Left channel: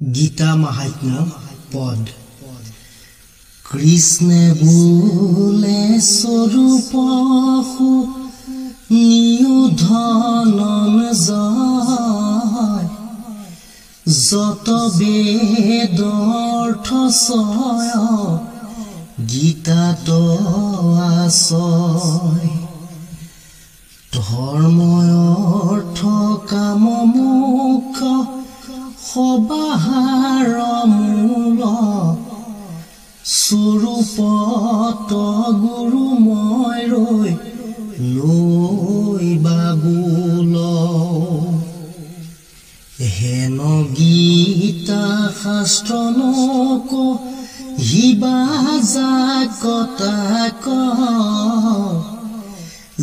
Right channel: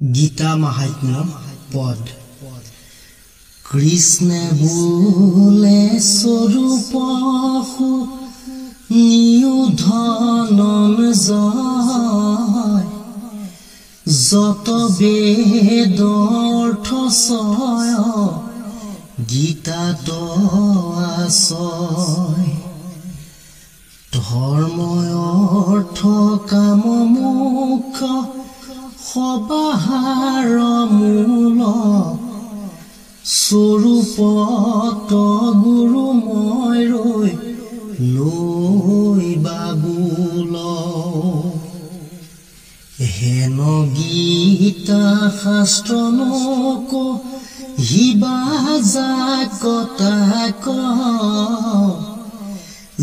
গীতা মাহাত্ম্য পদ কৃষ্ণে বোলে স্বৰূপ নিউধনন জয় যত বেদৰ্থ ছয় গীতাত আছয় ধৰ্ময় অৰ্থ কাম মুখ্য সবাহাৰ মূল স্বৰূপত গুৰু মই ৰৈ লৈ বাবুল হেন গীতা শাস্ত্ৰ নক হিবা জাকতাক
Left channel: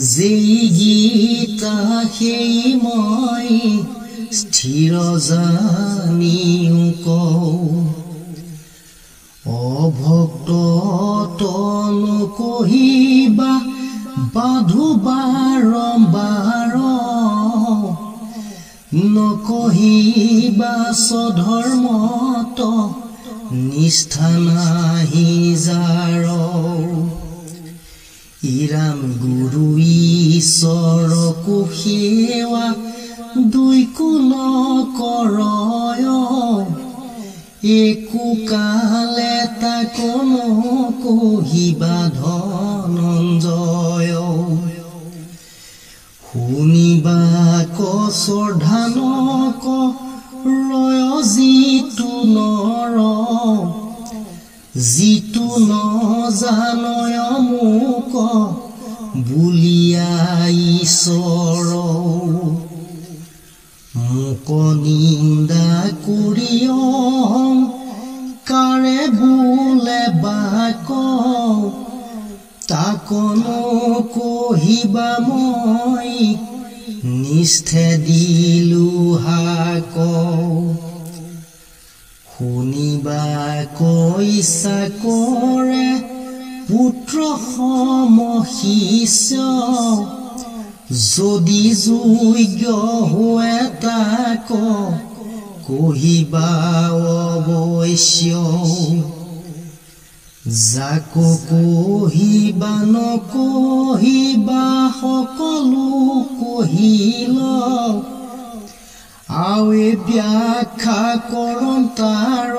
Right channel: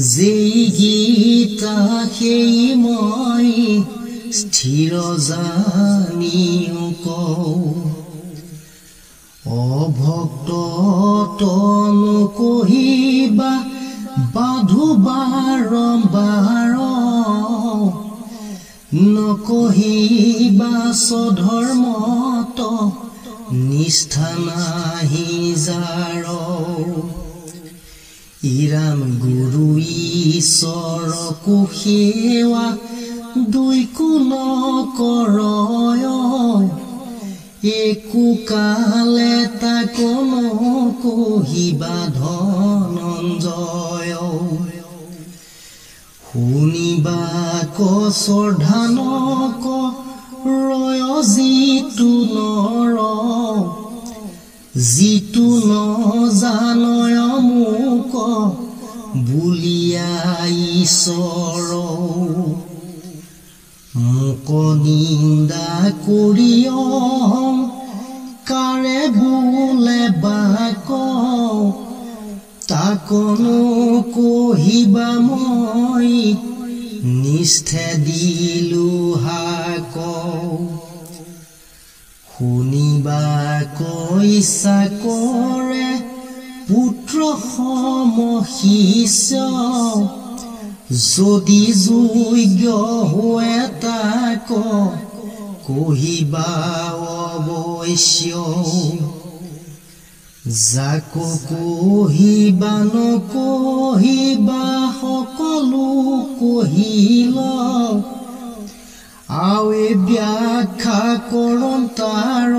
যেই গীতা সেই মই স্থিৰ জানিও কওঁ অভক্ত তনু কহিবা বাধু বাৰম্বাৰ নকহিবা স্বধৰ্মত নিষ্ঠা নাহি যাৰ ইৰাম গুৰু ঈশ্বৰ কুসেৱা দুই কুল কৰয় একো কালে তাক নকহিবা ধনঞ্জয় শুনিবা কৰ্ধানক ৰয় যিটো নৰ যিটো নজানয় মোক বুলিয়া ঈশ্বৰ মোক নিন্দা কৰি কাৰে বোলে বাক তাক নকহিবা মই নিষ্ঠে দিলো হাক শুনিবা ইচ্ছা কৰে পুত্ৰ সম শিষ্য যদি যোগ্য হয় তাক কহিবা অৱশ্য যাক কহিবা নকহিবা সকলো কহিল আৱে ব্যাখ্যা কৰম তাৰ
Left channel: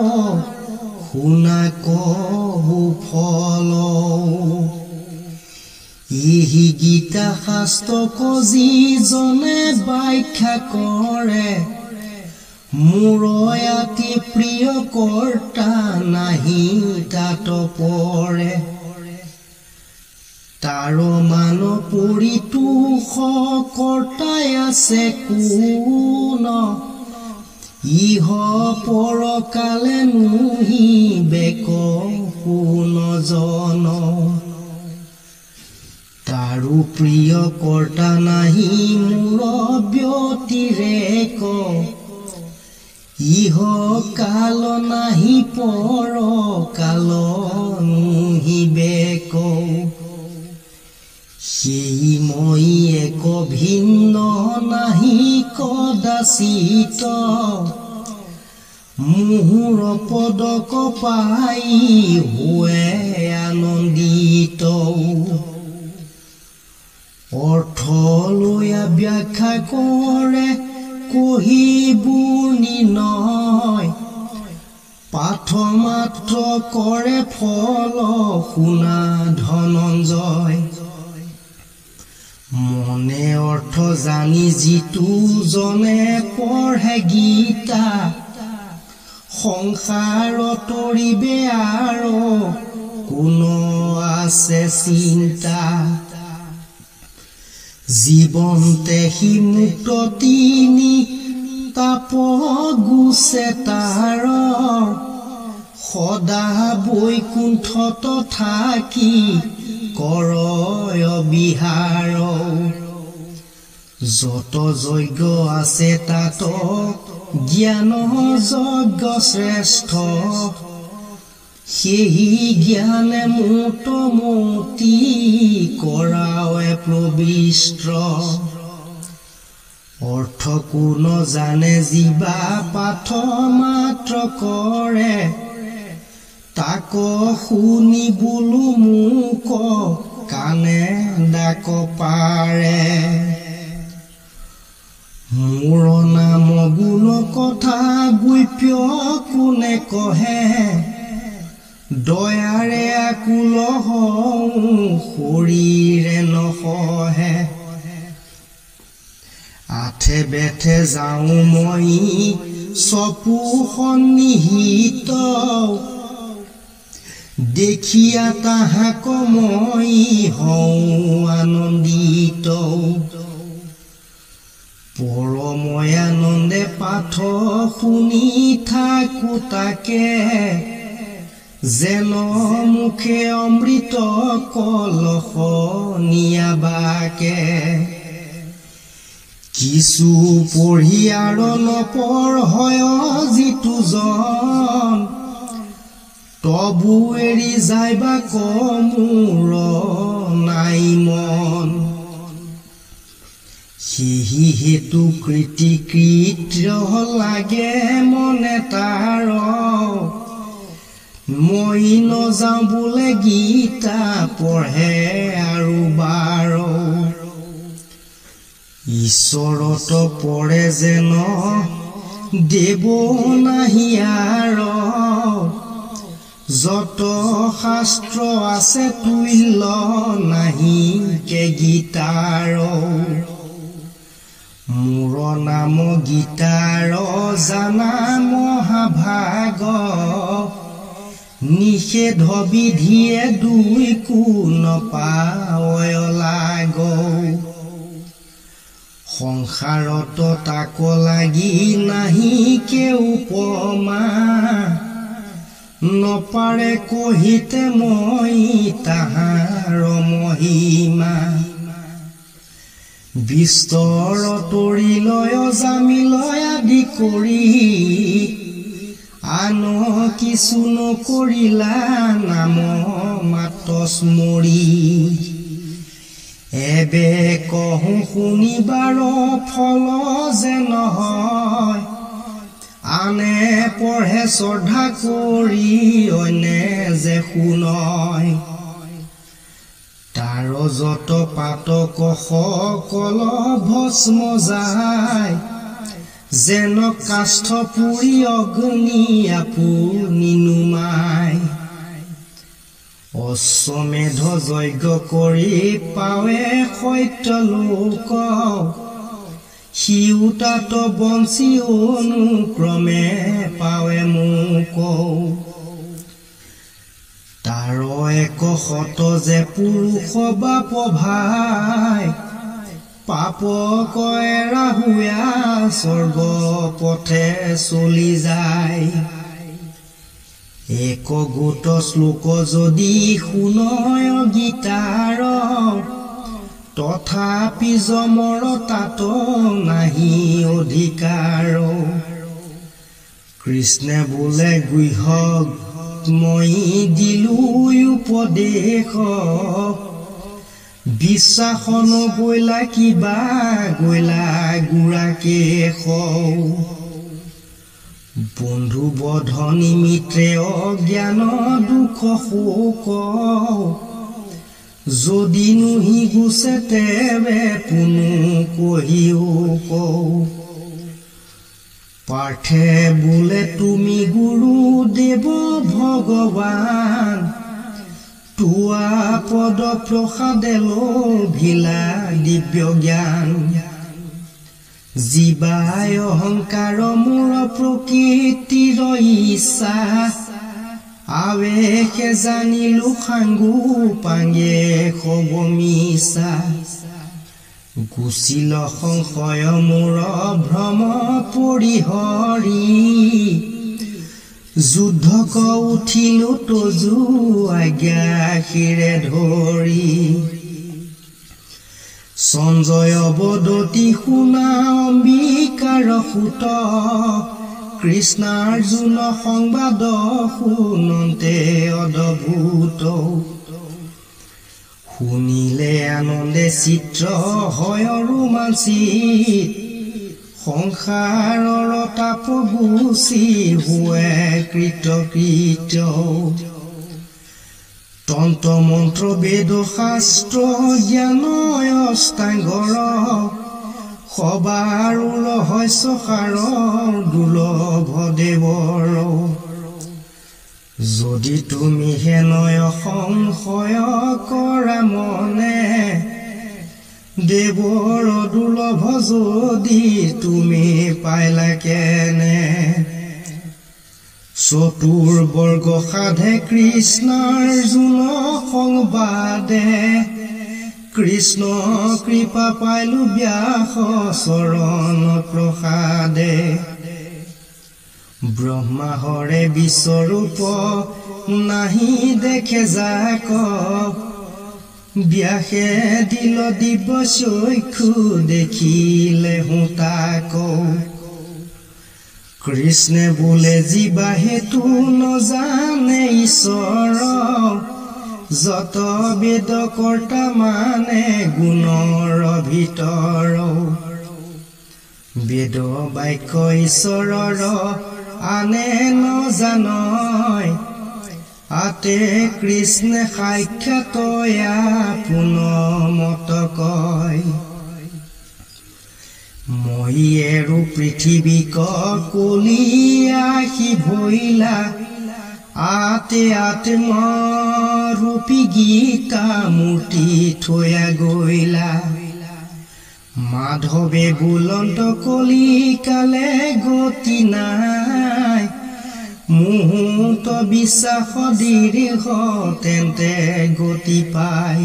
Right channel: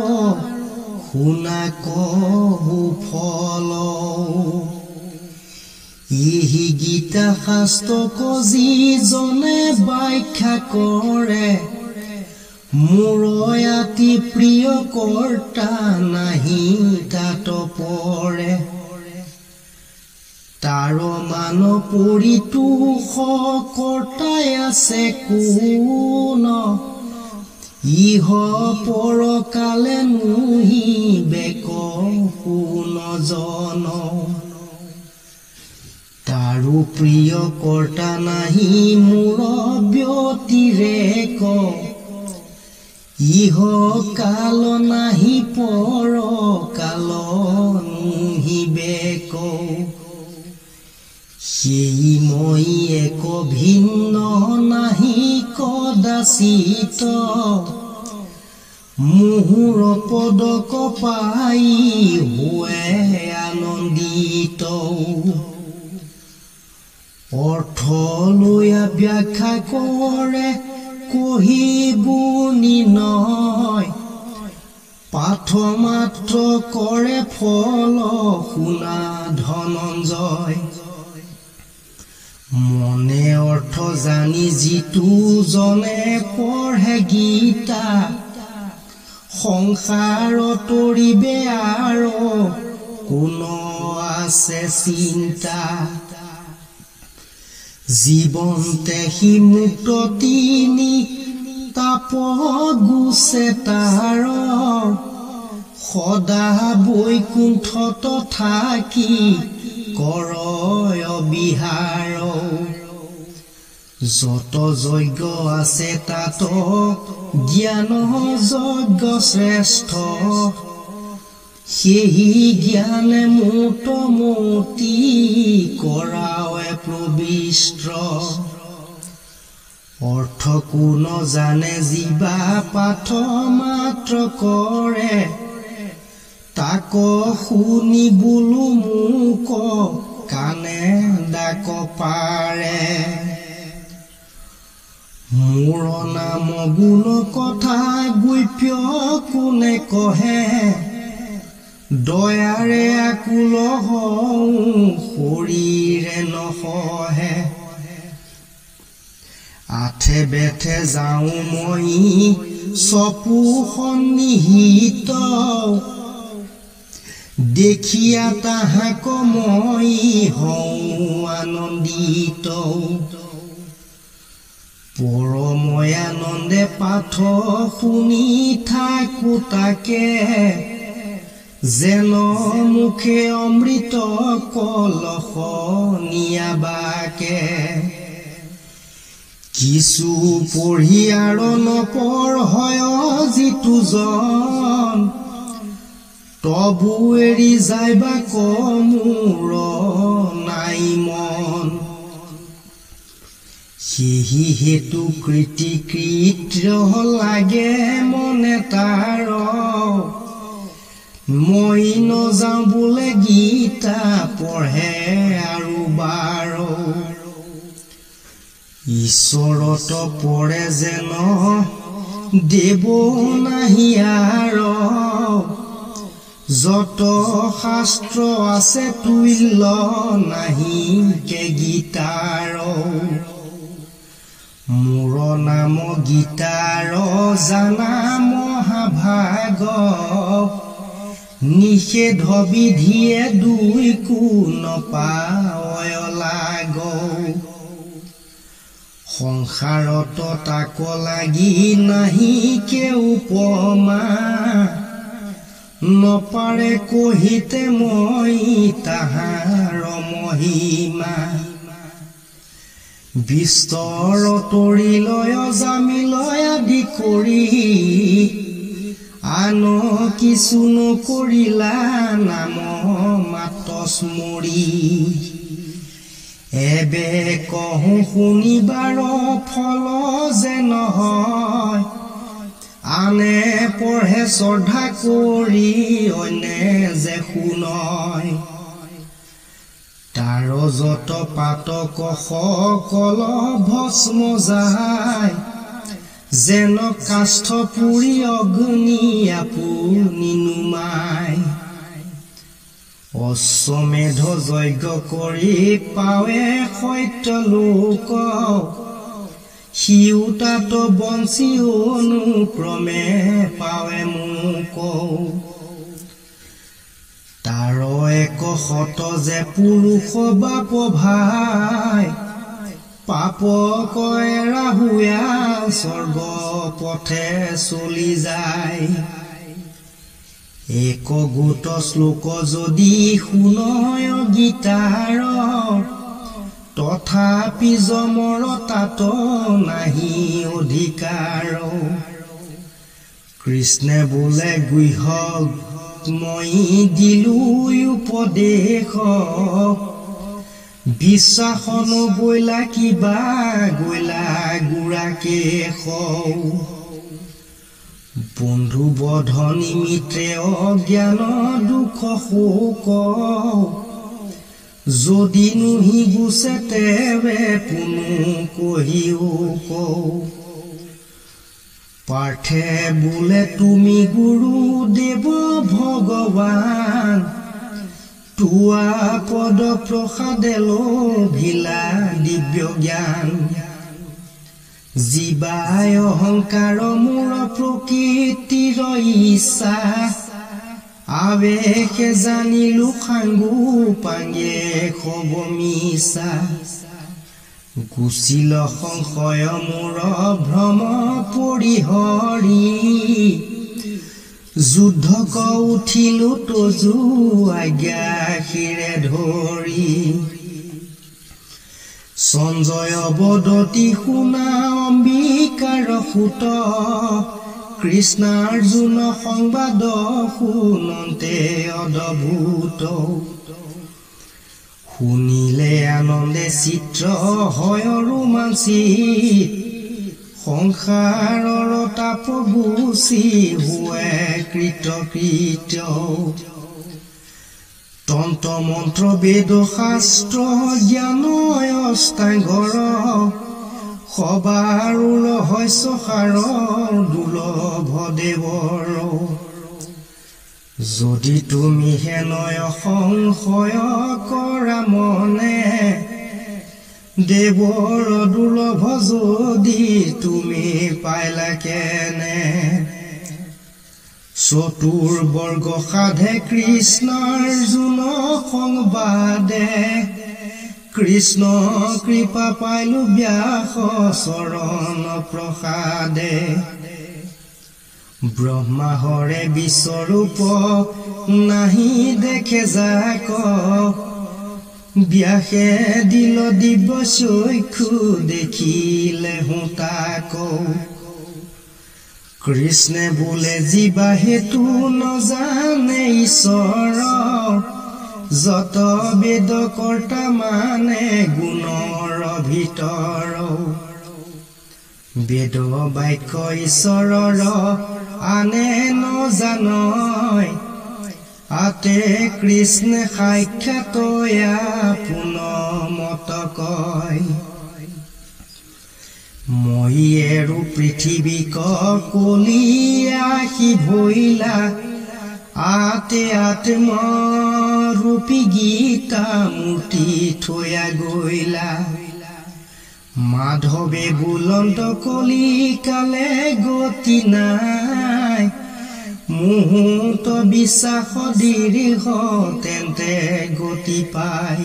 শুনা কহু ফল ইহি গীতা শাস্ত্ৰক যিজনে ব্যাখ্যা কৰে মোৰ অতি প্ৰিয় কৰ্তা নাহি তাত পৰে তাৰ মান পৰিতোষ কৰ্তাই আছে কোন ইহ পৰকালে নুহিবে শুন জন তাৰো প্ৰিয় কৰ্তা নাহি মোৰ ব্যতিৰেক ইহ কাল নাহি পৰ কাল নুহিবে সেই মই এক ভিন্ন নাহি কদাচিত মুহুৰ পদক পাই হোৱে আনন্দিত অৰ্থ লৈ ব্যাখ্যা কৰে কহিবোৰ নিৰ্ণয় পাঠ মাত্ৰ কৰে ফল শুনা ধনঞ্জয় মনে অৰ্থ জানি যিটো জনে পঢ়ে গীতা সংসাৰ তৰিবে আৰু কোন আছে চিন্তা জীৱন্তে সি মুক্ত তিনি তাপ গুছে তাৰ সদা বৈকুণ্ঠত থাকি কৰয় বিহাৰ যত যজ্ঞ আছে তাত জ্ঞান যজ্ঞ শ্ৰেষ্ঠ সেই জ্ঞানে মোতমতি কৰাৱে প্ৰবিষ্ট অৰ্থ কোন জানে জীৱা পাঠ মাত্ৰ কৰে তাক শুনি বোলো মোক কাণে ডাক পাৰে মোৰ নাম গুণ কথা গুপ্য কোনে কহে দয়াৰে আকুল হওঁ শৰীৰে নসহে আঠে বেঠে যাওঁ মই চপু সন্নিহিত দেখিয়া তাহাক মই হওঁ আনন্দিত পৰময় আনন্দে পাঠ শুনি থাকো তাকে যেন মুখে অমৃত কলহ নিয়াবাকে কিছু পঢ়ি আৰু নপঢ়য় যিটো জন তবু এৰি যাইবা মোৰ নাই মন সিহি হেতু কৃতিকৃত্য লাগে মনে তাৰ মই নযাওঁ বোলে গীতা পঢ়ে আৰু বাৰ ঈশ্বৰত পৰে যেন দেব নাহি আৰ যত শাস্ত্ৰ আছে তুল্য নাহি কে গীতাৰ মোৰ নাম গীতাৰ জানা মহাভাগ নিষেধ বিধিয়ে দুই কোন পায় লাগ সংসাৰত তাক লাগি নাহি কেও উপমা নপাৰে কহিতে মই তাহাৰ মহিমা বিস্তৰ তৰি লয় জামিলয় আদি কৰি আন কিছু নকৰিলা নাম মাত্ৰ স্মৰি এবে কহো শুনিবাৰ ফল যে নহয় আনে পঢ়ে শ্ৰদ্ধা কৰি অন্যে যে শুনয় তাৰ যত পাতক সকল ভস্ম যায় যেন কাষ্ঠ পুৰি অগ্নি আপুনি নুমাই অশ্বমেধ যজ্ঞ কৰি পাৱে সত্য লোক সিও তাত বঞ্চি অনুক্ৰমে পাৱে মোক তাৰ এক শত যে পুৰুষ বাপ ভাই পাপ কয় ৰাহুয়া স্বৰ্গ পথে চলি যায় এক গোট শ্লোক যদি শুনয় গীতাৰ তথাপি যমৰ তাত নাহি অধিকাৰ কৃষ্ণে বোলে গুহ মই দিলো উপদেশ বিশ্বাস নগৈলা কিবা গৈলা গুড়াকে বন্ধু বধ নিমিত্ৰে অজ্ঞান দুখ শোক যদি নুহি গুছে তেবে পুনু কহিও কও পাৰ্থে বোলে তুমি গুৰু দেৱ ভগৱান তোৱা পদ প্ৰসাদে লোভিলা দিব্য জ্ঞান জীৱাই অহংকাৰ মূৰ প্ৰকৃতিৰ ইচ্ছা আৱেশে জানিলো সাংগু পাংগে হব মিছা গুচিল সংশয় মূৰ ভ্ৰম পৰিহৰি যুদ্ধক উঠিলো তজু আজ্ঞাশিৰে ধৰি সঞ্জয় বদতি শুনা অম্বিকাৰ সুত কৃষ্ণাৰ্জুন সংবাদ শুনন্তে অদ্ভুত শুনিলে আনন্দে চিত্ৰ হয় ৰোমাঞ্চিত সংসাৰৰ তাপ গুচি হোৱে কৃতকৃত্য তন্ত্ৰ মন্ত্ৰ বেদ শাস্ত্ৰ জ্ঞান অষ্টাংগৰ সবাৰো ৰহস্য সাৰ দুৰ্লভ দেৱৰ যদি তুমি হেনয় সংশয় কৰা মনে দেৱৰ দুৰ্লভ যদি তুমি পাইলা কেনে চতুৰ্বৰ্গ সাধে কৃষ্ণাৰ্জুন সংবাদে কৃষ্ণ কৃপা পাইলো ব্যাস চৰণ প্ৰসাদে ব্ৰহ্মাহৰে বিশ্বৰূপ নাহি দেখে যাক ব্যাসে দিল দিব্য চক্ষু দেখিলে তাক কৃষ্ণে বোলে জীৱা হেতু নজানে ঈশ্বৰ যত বেদ কৰ্তা মানে গুণৰ ভিতৰ বেদ বাক্য ঈশ্বৰৰ আনে নজানয় আতে কৃষ্ণে সাক্ষাৎ পুনমত কয় মই এৰো পৃথিৱীক কলি আহি ভৈলা আতে আত্মৰূপী গীতা মূৰ্তি থৈয়া গৈলা মাধৱে বুলন্ত কলি কালে গতি নাই মুহূৰ্ত বিশ্বাস দীৰ্ঘ তেন্তে গতি পায়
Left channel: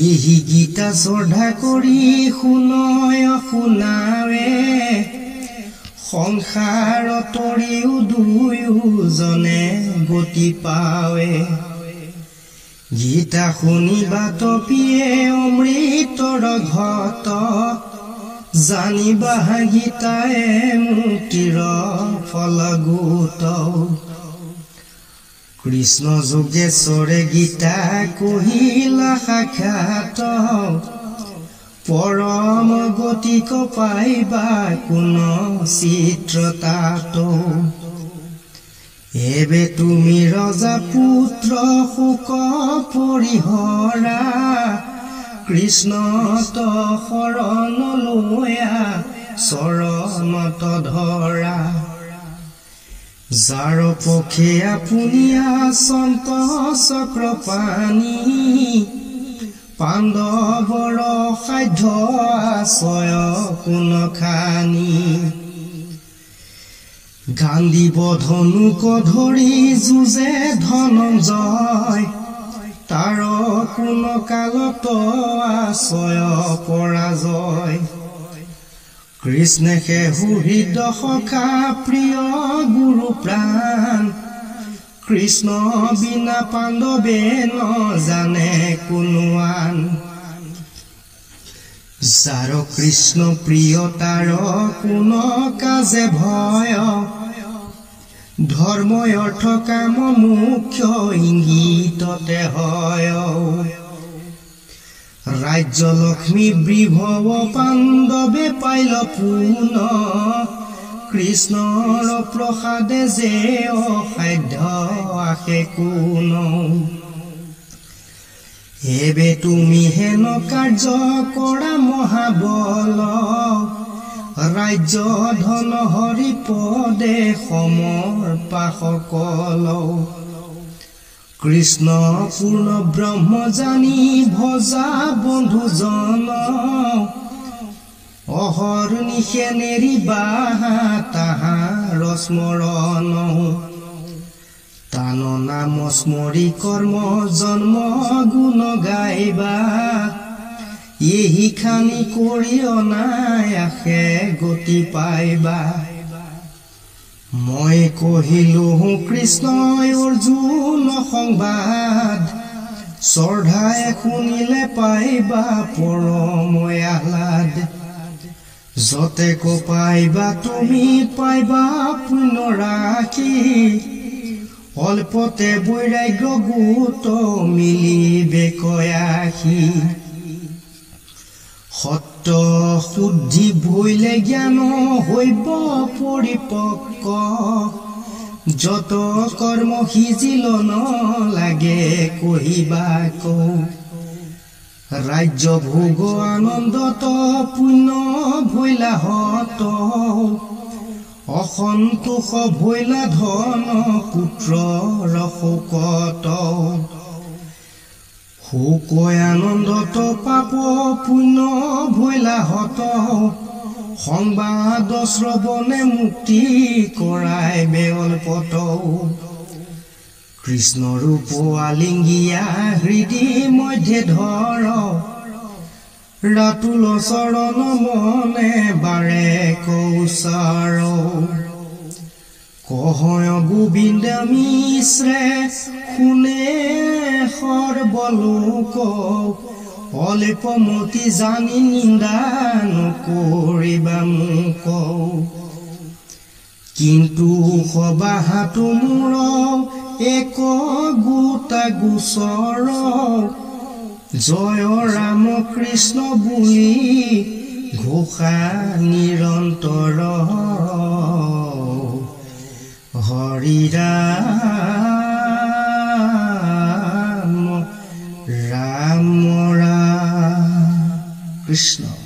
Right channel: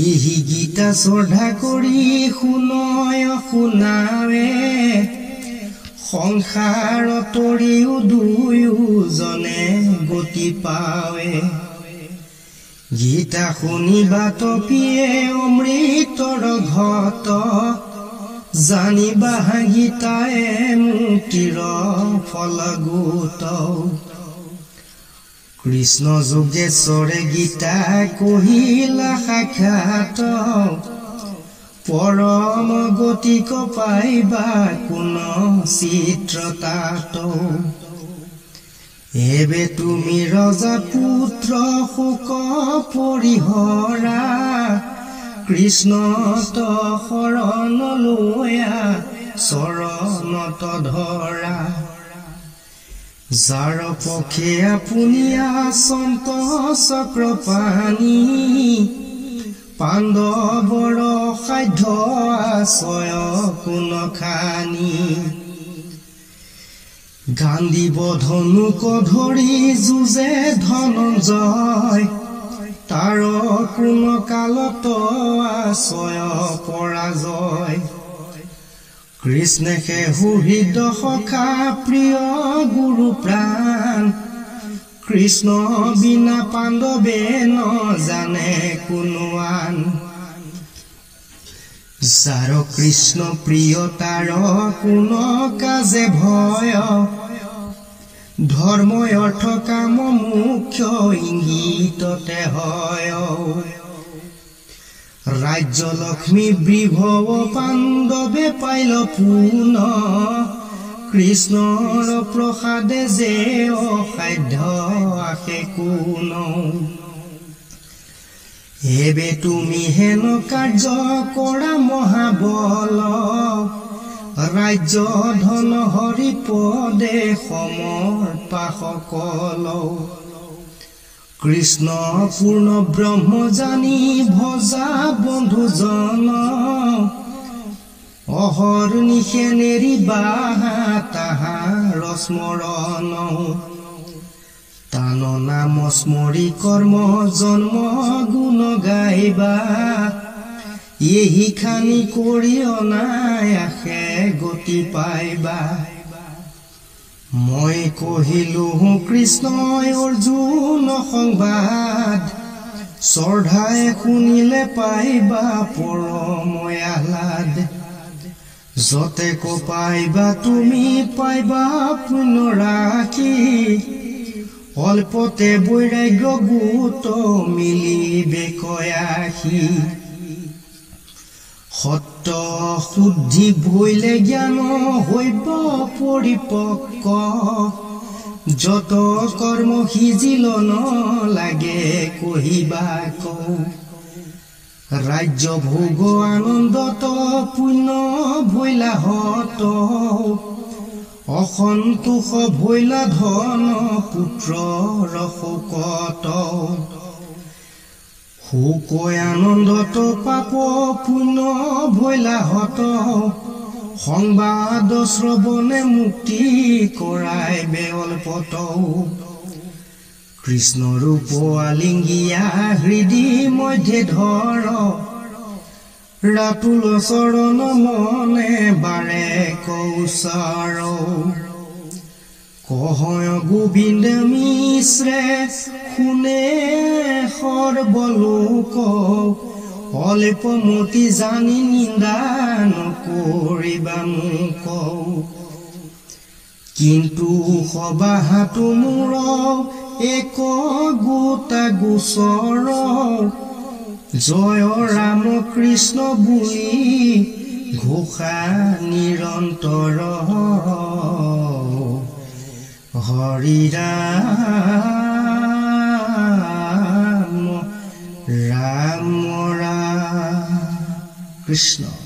ইহি গীতা শ্ৰদ্ধা কৰি শুনয় শুনাৱে সংসাৰ তৰিও দুয়োজনে গতি পাৱে গীতা শুনিবা তপিয়ে অমৃতৰ ঘট জানিবা গীতায়ে মুক্তিৰ ফল গোট কৃষ্ণ যোগেশ্বৰে গীতা কহিলা সাক্ষাৎ পৰম গতিক পাইবা কোন চিত্ৰতাত এবে তুমি ৰজা পুত্ৰ শোক পৰিহৰা কৃষ্ণত শৰণ লৈয়া চৰণত ধৰা যাৰ পক্ষে আপুনি আচন্ত চক্ৰ পানী পাণ্ডৱৰ সাধ্য আশ্ৰয় কোন খানি গান্ধিব ধনুক ধৰি যুঁজে ধনঞ্জয় তাৰ কোন কালত আশ্ৰয় পৰাজয় কৃষ্ণে হৃদ সখা প্ৰিয় গুৰু প্ৰাণ কৃষ্ণ বিনা পাণ্ডৱে নজানে কোনো আন যাৰ কৃষ্ণ প্ৰিয় তাৰ কোন কাজে ভয় ধৰ্ম অৰ্থ কাম মুখ্য ইংগিততে হয় ৰাজ্য লক্ষ্মী বিভৱ পাণ্ডৱে পাইল পুন কৃষ্ণৰ প্ৰসাদে যে অসাধ্য আশে কোন এবে তুমি হেন কাৰ্য কৰা মহাবল ৰাজ্য ধন হৰি পদে সমৰ্পা সকল কৃষ্ণ পূৰ্ণ ব্ৰহ্ম জানি ভজা বন্ধুজন অহৰ নিশে নেৰিবা তাহাৰ স্মৰণ তান নাম স্মৰি কৰ্ম জন্ম গুণ গাইবা এহি খানি কৰি অনায়াসে গতি পাইবা মই কহিলো কৃষ্ণই অৰ্জুন সংবাদ শ্ৰদ্ধাই শুনিলে পাইবা পৰম আহ্লাদ যতে পাইবা তুমি পাইবা পুণ্য ৰাখি অল্পতে বৈৰাগ্য গোট মিলিবে কয়াসি সত্য চিত্ত শুদ্ধি ভৈলে জ্ঞান হৈব পৰিপক্ক যত কৰ্ম সিজিল লাগে কহিবা কৌ ৰাজ্য ভোগ আনন্দত পুণ্য ভৈলা হত অসন্তোষ ভৈলা ধন পুত্ৰ শোকত শোক আনন্দত পাপ পুণ্য ভৈলা হত সংবাদ শ্ৰৱণে মুক্তি কৰাই বেলপত কৃষ্ণ ৰূপ আলিঙ্গিয়া হৃদি মধ্যে ধৰ ৰাতুল চৰণ মনে বাৰে কৌচাৰ কহয় গোবিন্দ মিশ্ৰে শুনে সৰ্বলোক অল্পমতি জানি নিন্দা নকৰিবা মোক কিন্তু সবাহাতো মূৰ এক গোটা গোচৰ জয় ৰাম কৃষ্ণ বুলি ঘোষা নিৰন্তৰ হৰি ৰাম ৰাম ৰাম কৃষ্ণ।